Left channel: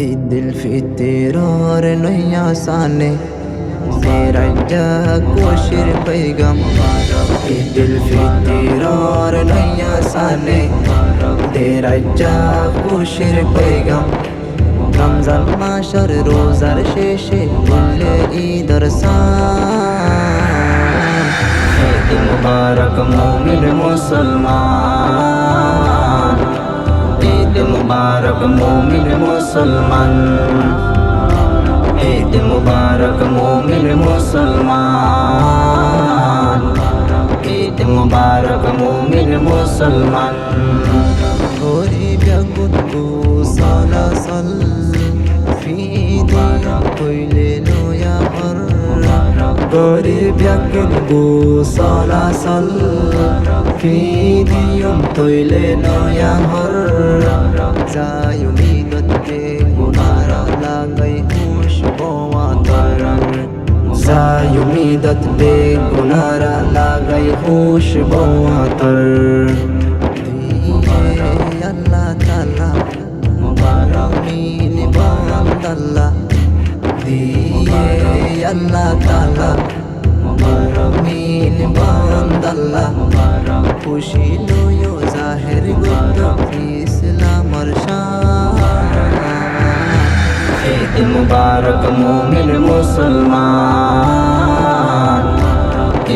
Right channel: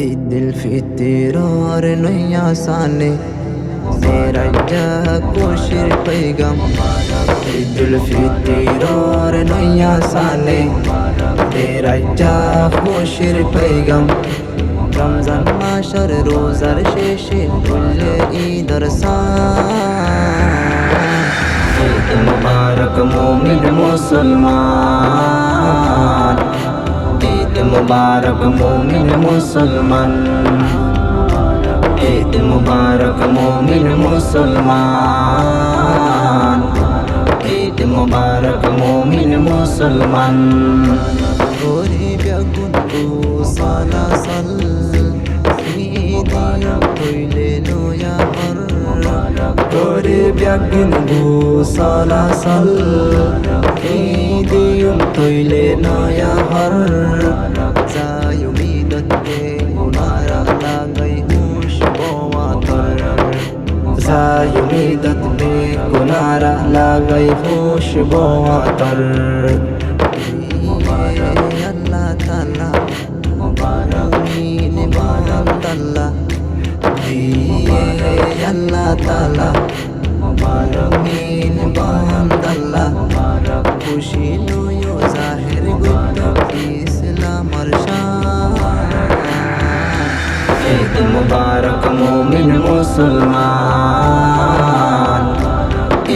ঈদ উল ফিতর নয় আসানে মেরাজা খুশির पैगाम। ঈদ উল ফিতর নয় আসানে মেরাজা খুশির पैगाम। রমজান মাসের রোজার শেষে উল্লে ঈদের সান। ঈদ মুবারক মুমিন মুসলমান, ঈদ মুবারক মুমিন মুসলমান, ঈদ মুবারক মুমিন মুসলমান, ঈদ মুবারক মুমিন মুসলমান। গরিব গুনগু সালাসাল ঈদিয়ম হইলে নয়া হর। গরিব গুনগু সালাসাল ঈদিয়ম হইলে নয়া হর। যায় উমিদত কে গুনারা লাগাই হুশ বওয়াতর। যায় উমিদত বে গুনারা লাগাই হুশ বওয়াতর। আল্লাহ তাআলা মুমিন বান্দাল্লা দিয়ে আল্লাহ তাআলা মুমিন বান্দাল্লা। খুশি লইও জাহের গুপ্ত ইসলামর শান। ঈদ মুবারক মুমিন মুসলমান,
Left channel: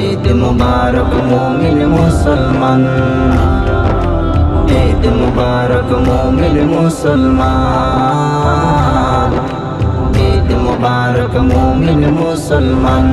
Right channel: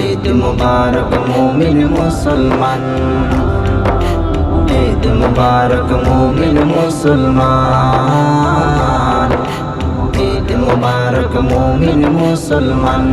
ঈদ মুবারক মুমিন মুসলমান, ঈদ মুবারক মুমিন মুসলমান, ঈদ মুবারক মুমিন মুসলমান।